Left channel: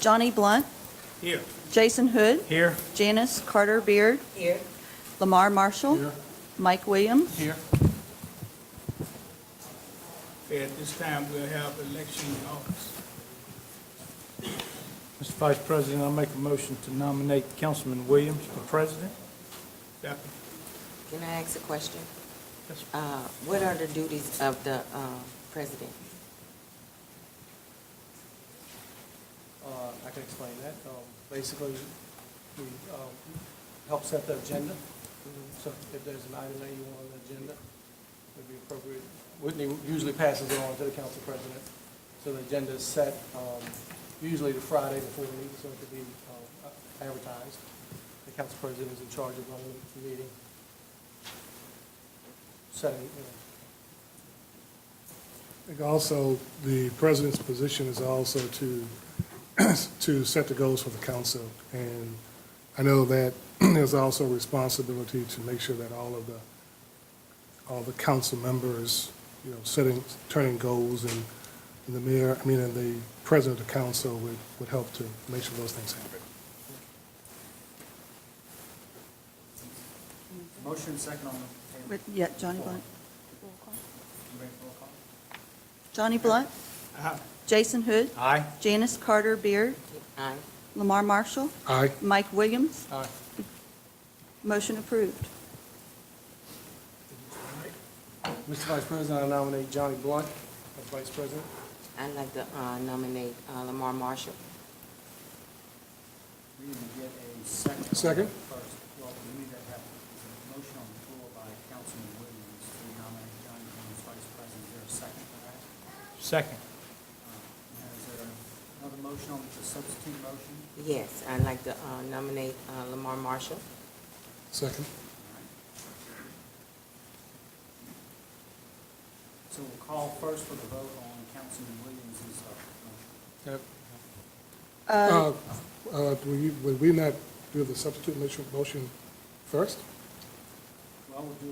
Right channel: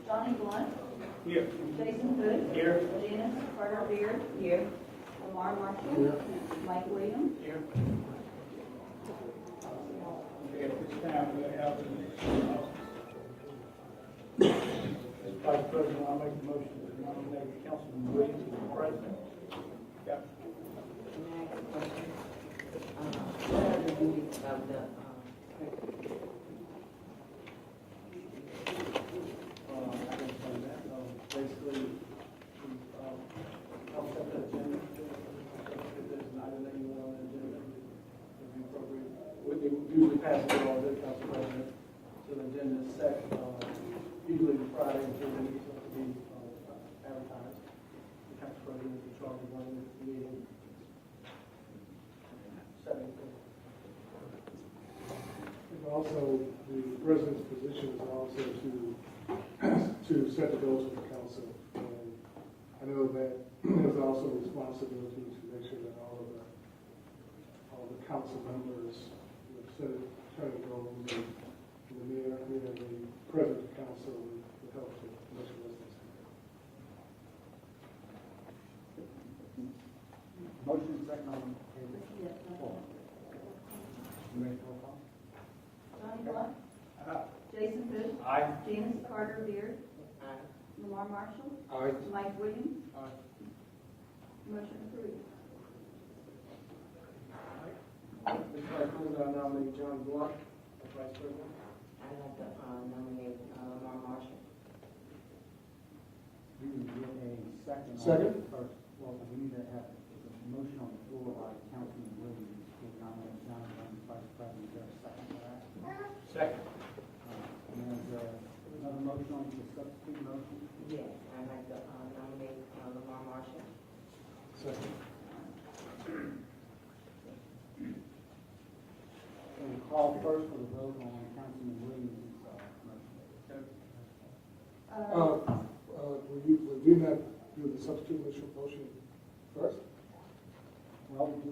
Johnny Blunt. Here. Jason Hood. Here. Janice Carter Beard. Here. Lamar Marshall. Here. Mike Williams. Here. Okay, at this time, we'll have election office. Mr. Vice President, I'll make a motion to nominate Councilman Williams for president. Yeah. Can I ask a question? What are the duties of the president? I can explain that. Basically, we help set the agenda. So if there's an item that you want on the agenda, it would be appropriate. Whitney usually passes it on to the council president. So the agenda is set usually the Friday before the meeting, so it can be advertised. The council president is in charge of running the meeting, setting. I think also the president's position is also to set the goals for the council. And I know that there's also a responsibility to make sure that all the council members, you know, turning goals, and the president of the council would help to make sure those things happen. Motion second on the table. Yeah, Johnny Blunt. You ready for a call? Johnny Blunt. Aye. Jason Hood. Aye. Janice Carter Beard. Aye. Lamar Marshall. Aye. Mike Williams. Aye. Motion approved. Mr. Vice President, I nominate Johnny Blunt as Vice President. I'd like to nominate Lamar Marshall. We didn't get a second. Second. First, well, we need to have a motion on the floor by Councilman Williams to nominate Johnny Blunt as Vice President. Is there a second for that? Second. And then is there another motion on the substitute motion? Yes, I'd like to nominate Lamar Marshall. Second. So we'll call first for the vote on Councilman Williams' motion. Yep. Would we not do the substitute motion first? Well, we'll do,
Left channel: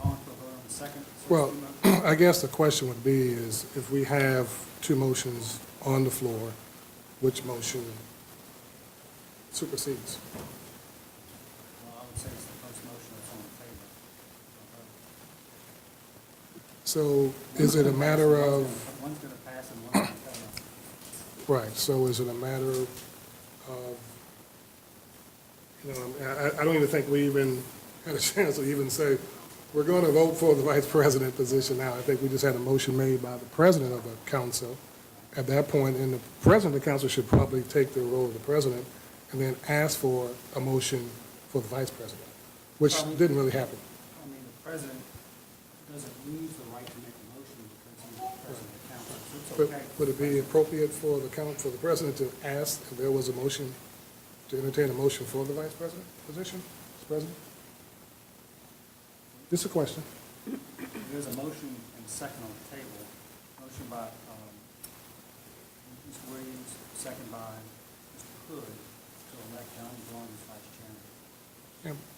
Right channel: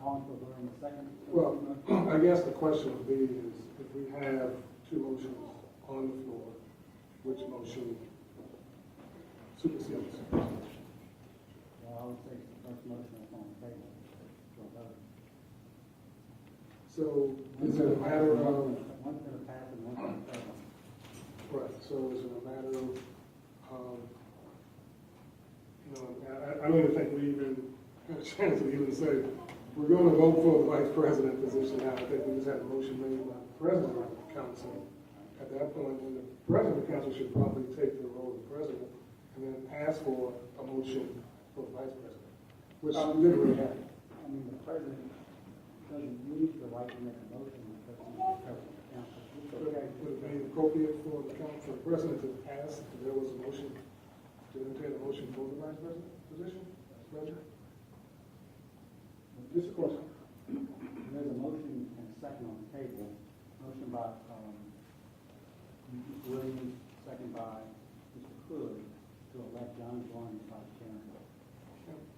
calling for a vote on the second. Well, substitute motion. I guess the question would be is if we have two motions on the floor, which motion supersedes? Well, I would say it's the first motion that's on the table for a vote. So is it a matter of, One's going to pass and one's going to fail. right, so is it a matter of, you know, I don't even think we even had a chance to even say, we're going to vote for the vice president position now. I think we just had a motion made by the president of the council at that point, and the president of the council should probably take the role of the president and then ask for a motion for the vice president, which didn't really happen. I mean, the president doesn't lose the right to make a motion because he's the president of the council. So it's But okay. would it be appropriate for the president to ask if there was a motion, to entertain a motion for the vice president position, Mr. President? Just a question. There's a motion and second on the table. Motion by Mr. Williams, second by Mr. Hood to elect Johnny Blunt as vice chairman.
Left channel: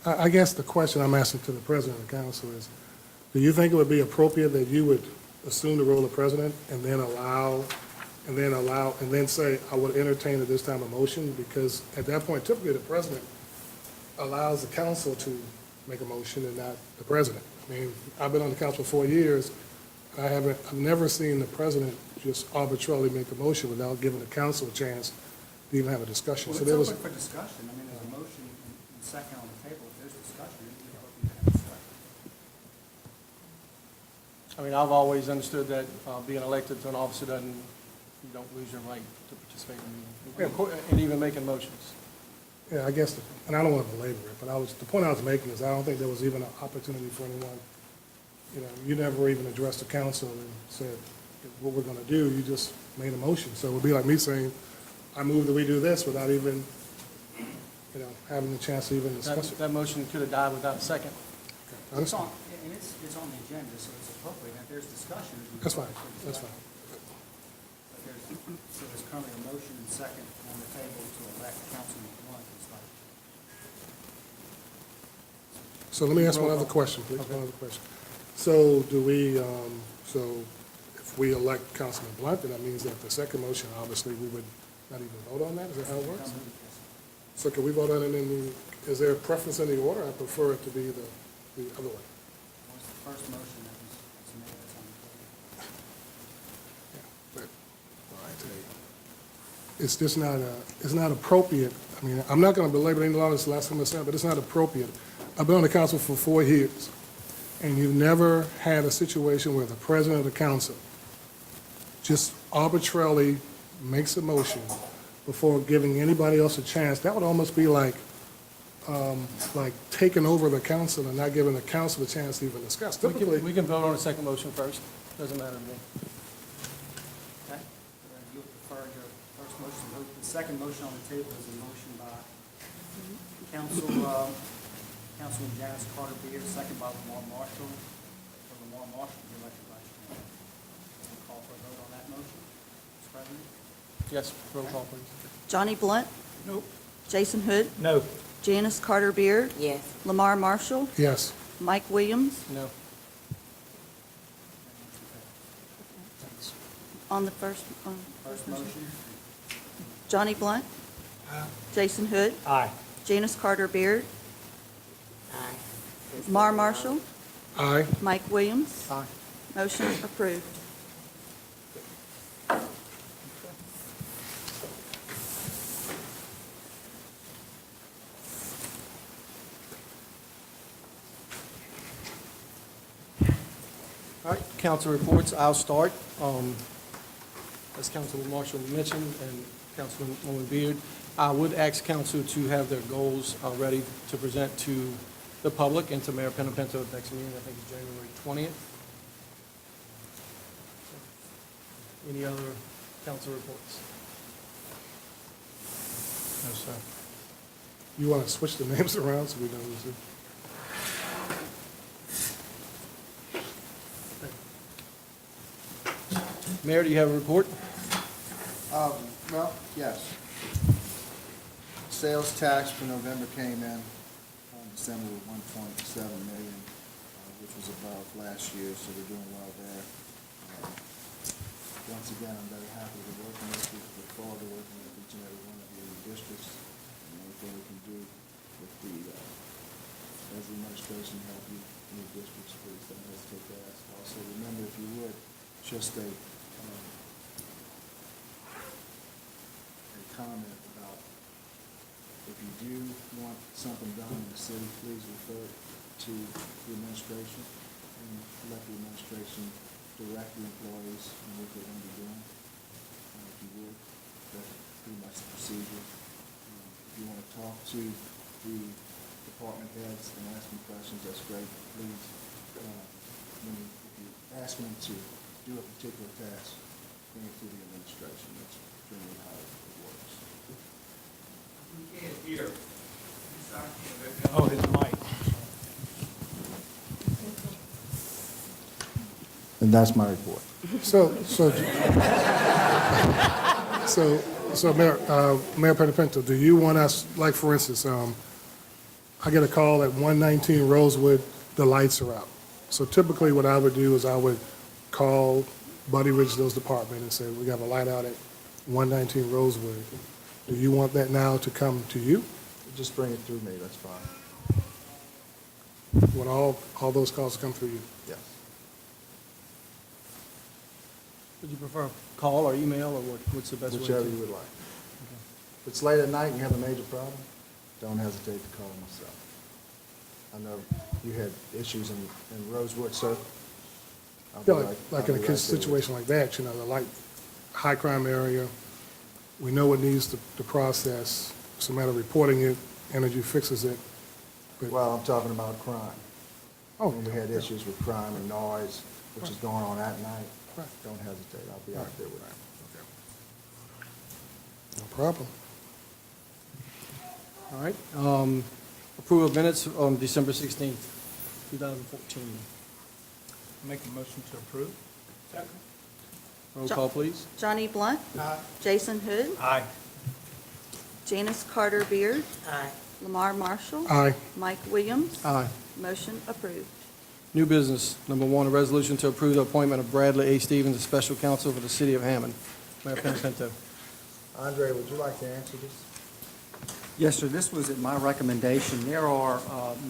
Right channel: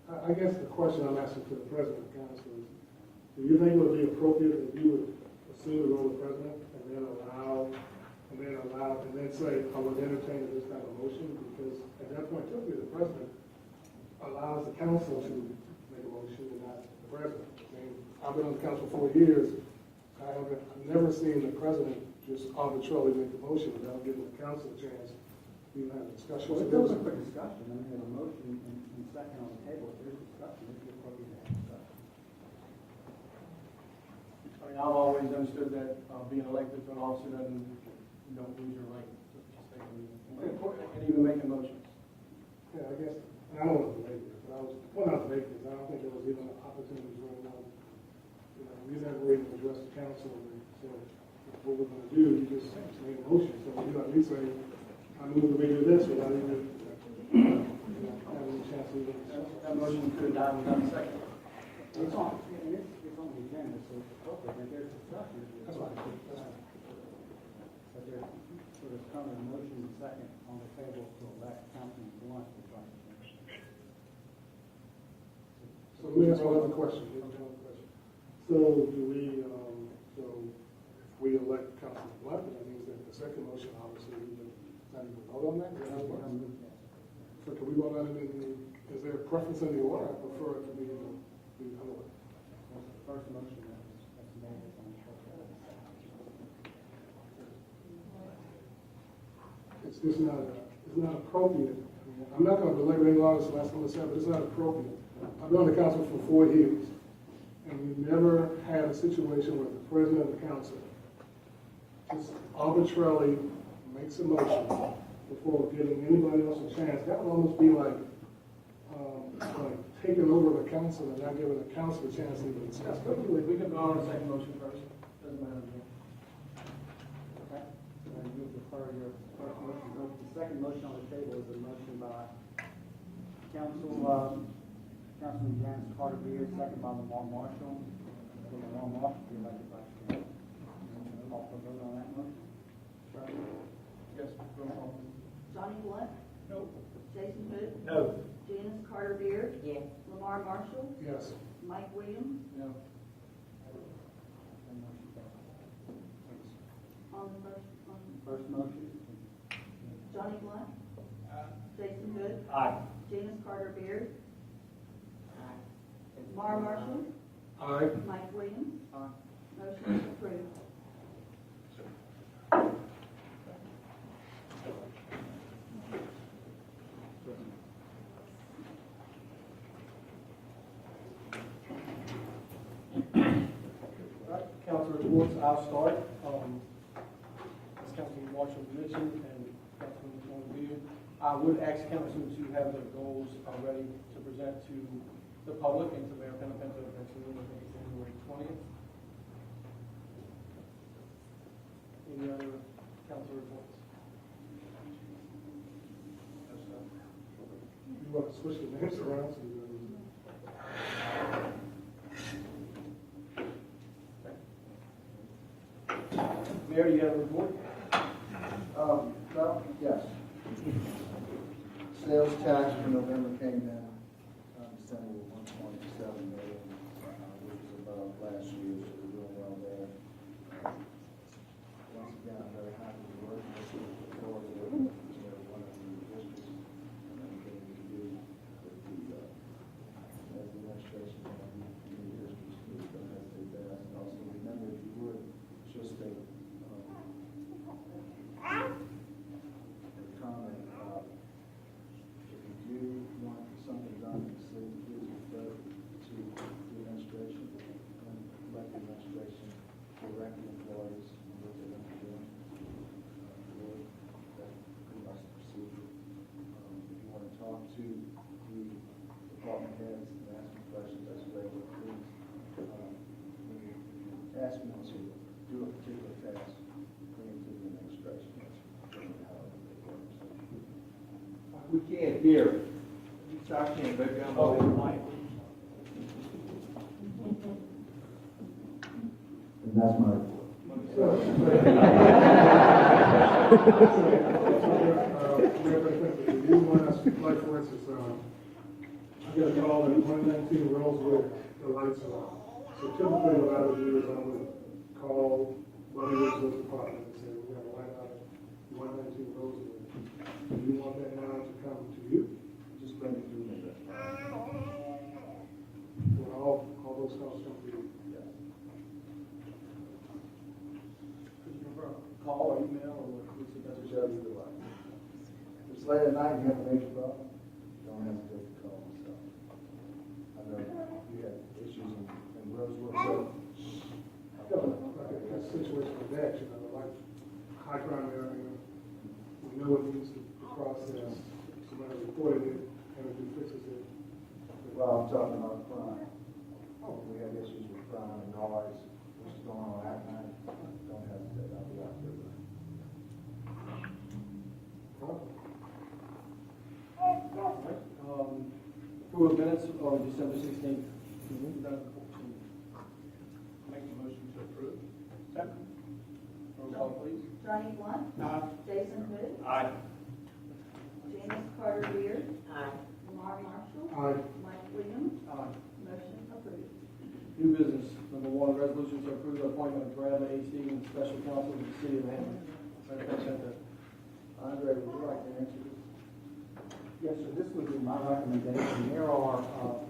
Yeah, I guess the question I'm asking to the president of the council is, do you think it would be appropriate that you would assume the role of president and then say, I would entertain at this time a motion? Because at that point, typically the president allows the council to make a motion and not the president. I mean, I've been on the council for 4 years. I've never seen the president just arbitrarily make a motion without giving the council a chance to even have a discussion. Well, So it's there was, open for discussion. I mean, there's a motion and second on the table. If there's discussion, it would be appropriate to have discussion. I mean, I've always understood that being elected to an officer you don't lose your right to participate in the meeting, and even making motions. yeah, I guess, and I don't want to belabor it, but the point I was making is I don't think there was even an opportunity for anyone, you know, you never even addressed the council and said what we're going to do. You just made a motion. So it would be like me saying, I move that we do this without even, you know, having a chance to even discuss it. That motion could have died without a second. It's on the agenda, so it's appropriate. If there's discussion. That's fine, that's fine. But there's currently a motion and second on the table to elect Councilman Blunt as vice chairman. So let me ask one other question, please, one other question. So do we, so if we elect Councilman Blunt, then that means that the second motion, obviously, we would Not even vote on that? Is that how it works? So can we vote on it in the, is there a preference in the order? I prefer it to be the other way. What's the first motion that's made that's on the table? But, I tell you, it's just not, it's not appropriate. I mean, I'm not gonna belabor any law, this last time I said, but it's not appropriate. I've been on the council for 4 years, and you've never had a situation where the president of the council just arbitrarily makes a motion before giving anybody else a chance. That would almost be like taking over the council and not giving the council a chance to even discuss. We can vote on the second motion first, doesn't matter to me. Okay, then you'll defer your first motion vote. The second motion on the table is a motion by Councilman Janice Carter Beard, second by Lamar Marshall. So Lamar Marshall, if you'd like to question. Call for a vote on that motion. Mr. President? Yes, roll call, please. Johnny Blunt. Nope. Jason Hood. No. Janice Carter Beard. Yes. Lamar Marshall. Yes. Mike Williams. No. And motion fails. On the first, First motion? Johnny Blunt. Jason Hood. Aye. Janice Carter Beard. Aye. Lamar Marshall. Aye. Mike Williams. Aye. Motion approved. All right, council reports, I'll start. As Councilman Marshall mentioned and Councilwoman Beard, I would ask council to have their goals ready to present to the public and to Mayor Penapinto at next meeting, I think it's January 20th. Any other council reports? No, sir. You want to switch the names around so we don't lose it? Mayor, do you have a report? Well, yes. Sales tax for November came in, December with 1.7 million, which was above last year, so we're doing well there. Once again, I'm very happy to be working with you, look forward to working with each and every one of you in the districts, and what we can do with the, as the administration of you in the districts, please don't hesitate to ask. Also, remember, if you would, just a comment about if you do want something done in the city, please refer to the administration and let the administration direct the employees and what they want to do. And if you would, that's pretty much the procedure. If you want to talk to the department heads and ask them questions, that's great, but please, when you ask them to do a particular task, bring it to the administration. That's pretty much how it works. We can't hear. You stop can't, baby. Oh, his mic. And that's my report. So, Mayor Pettipinto, do you want us, like, for instance, I get a call at 119 Rosewood, the lights are out. So typically what I would do is I would call Buddy Richard's department and say, we got a light out at 119 Rosewood. Do you want that now to come to you? Just bring it through me, that's fine. You want all those calls to come through you? Yes. Would you prefer call or email, or what's the best way? Whichever you would like. If it's late at night and you have a major problem, don't hesitate to call myself. I know you had issues in Rosewood, so. Yeah, like in a situation like that, you know, like high crime area, we know what needs to process. It's a matter of reporting it, Energy fixes it. But- Well, I'm talking about crime. Oh, When you had issues with crime and noise, which is going on at night, Right. don't hesitate, I'll be out there with you. no problem. All right. Approval of minutes on December 16th, 2014. Make a motion to approve. Second. Roll call, please. Johnny Blunt. Jason Hood. Aye. Janice Carter Beard. Aye. Lamar Marshall. Aye. Mike Williams. Aye. Motion approved. New business. Number one, a resolution to approve the appointment of Bradley A. Stevens as special counsel for the city of Hammond. Mayor Penapinto. Andre, would you like to answer this? Yes, sir, this was at my recommendation. There are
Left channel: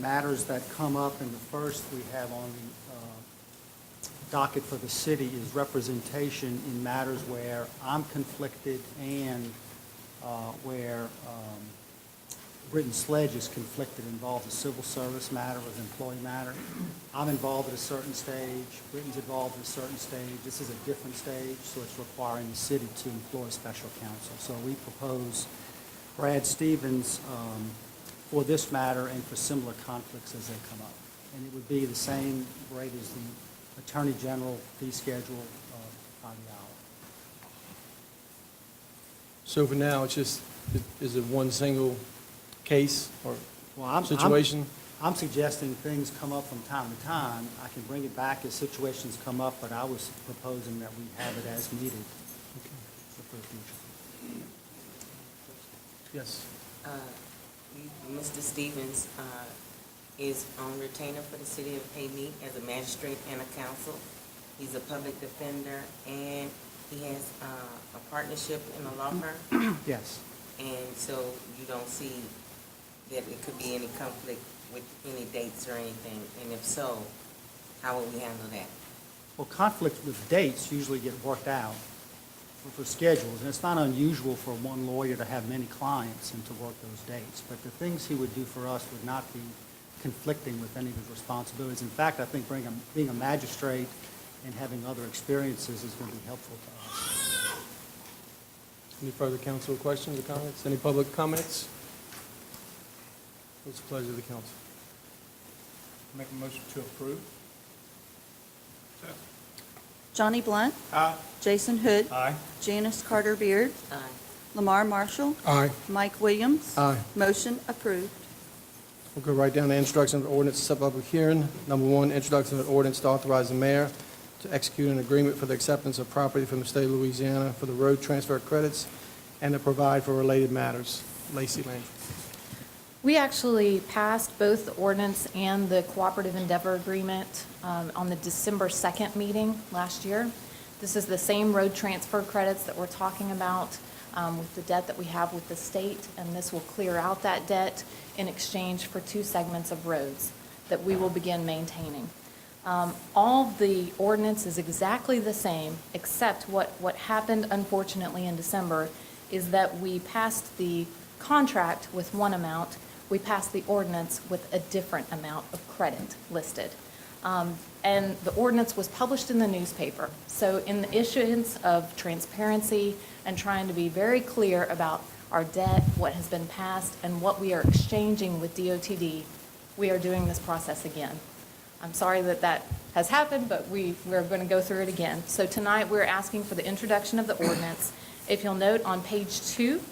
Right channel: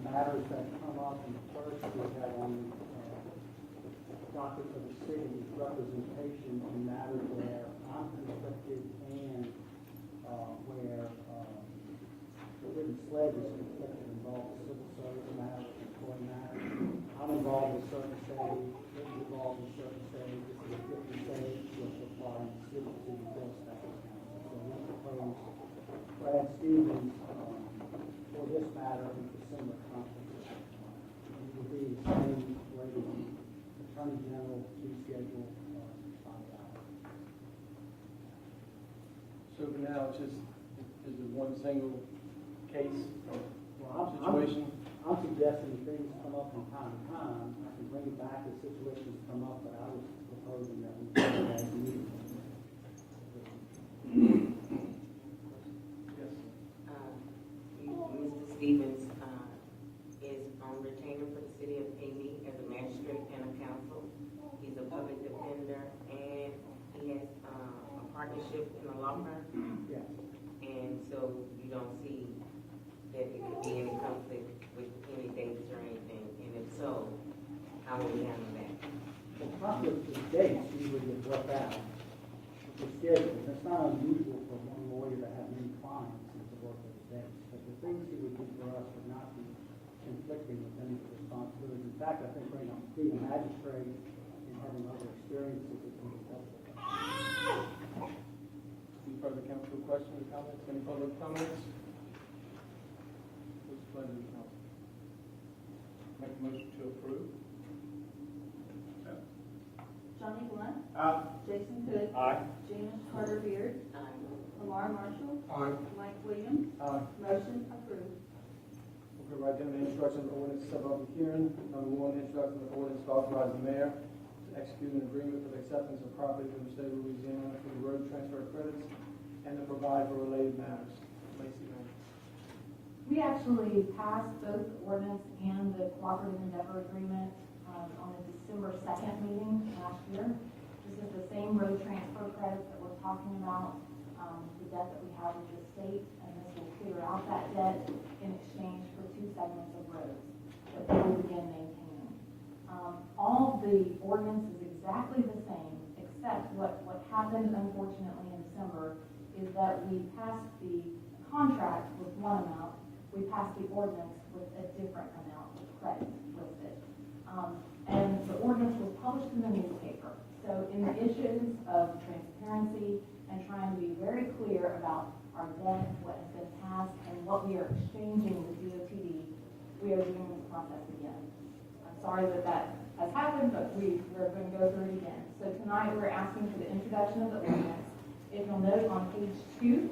matters that come up, and the first we have on the docket for the city is representation in matters where I'm conflicted and where written sledge is conflicted, involves a civil service matter with employee matter. I'm involved at a certain stage, Britton's involved at a certain stage. This is a different stage, so it's requiring the city to employ special counsel. So we propose Brad Stevens for this matter and for similar conflicts as they come up. And it would be the same rate as the Attorney General fee schedule by the hour. So for now, it's just, is it one single case or Well, situation? I'm suggesting things come up from time to time. I can bring it back as situations come up, but I was proposing that we do it as needed for the future. Yes. Mr. Stevens is on retainer for the city of Hayti as a magistrate and a counsel. He's a public defender, and he has a partnership in a law firm. Yes. And so you don't see that it could be any conflict with any dates or anything? And if so, how would we handle that? Well, conflicts with dates usually get worked out with the schedules, and it's not unusual for one lawyer to have many clients and to work those dates. But the things he would do for us would not be conflicting with any of his responsibilities. In fact, I think being a magistrate and having other experiences is going to be helpful to us. Any further council questions or comments? Any public comments? What's the pleasure of the council? Make a motion to approve. Johnny Blunt. Aye. Jason Hood. Aye. Janice Carter Beard. Aye. Lamar Marshall. Aye. Mike Williams. Aye. Motion approved. We'll go right down to introduction of the ordinance to set public hearing. Number one, introduction of an ordinance to authorize the mayor to execute an agreement for the acceptance of property from the state of Louisiana for the road transfer credits and to provide for related matters. Lacey Lane. We actually passed both the ordinance and the cooperative endeavor agreement on the December 2nd meeting last year. This is the same road transfer credits that we're talking about with the debt that we have with the state, and this will clear out that debt in exchange for 2 segments of roads that we will begin maintaining. All the ordinance is exactly the same, except what happened unfortunately in December is that we passed the contract with one amount, we passed the ordinance with a different amount of credit listed. And the ordinance was published in the newspaper. So in the issuance of transparency and trying to be very clear about our debt, what has been passed, and what we are exchanging with DOTD, we are doing this process again. I'm sorry that that has happened, but we're going to go through it again. So tonight, we're asking for the introduction of the ordinance. If you'll note on page 2,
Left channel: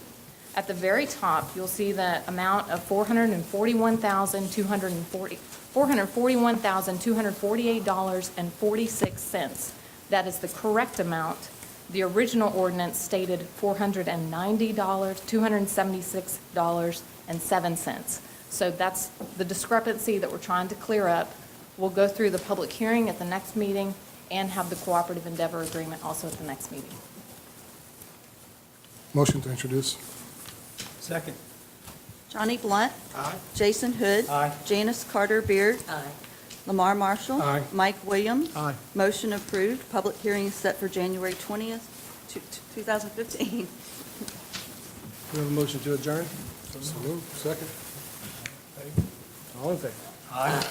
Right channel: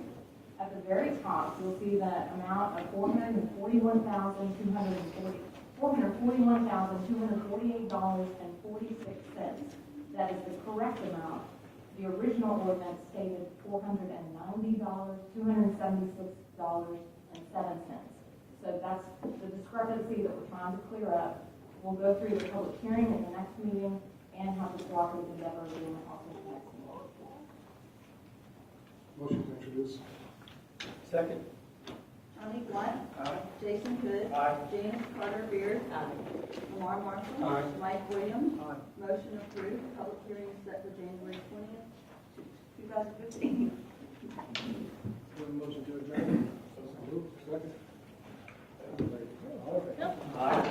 at the very top, you'll see the amount of $441,248.46. That is the correct amount. The original ordinance stated $276.07. So that's the discrepancy that we're trying to clear up. We'll go through the public hearing at the next meeting and have the cooperative endeavor agreement also at the next meeting. Motion to introduce. Second. Johnny Blunt. Aye. Jason Hood. Aye. Janice Carter Beard. Aye. Lamar Marshall. Aye. Mike Williams. Aye. Motion approved. Public hearing is set for January 20th, 2015. We have a motion to adjourn. So moved. Second. All in favor? Aye.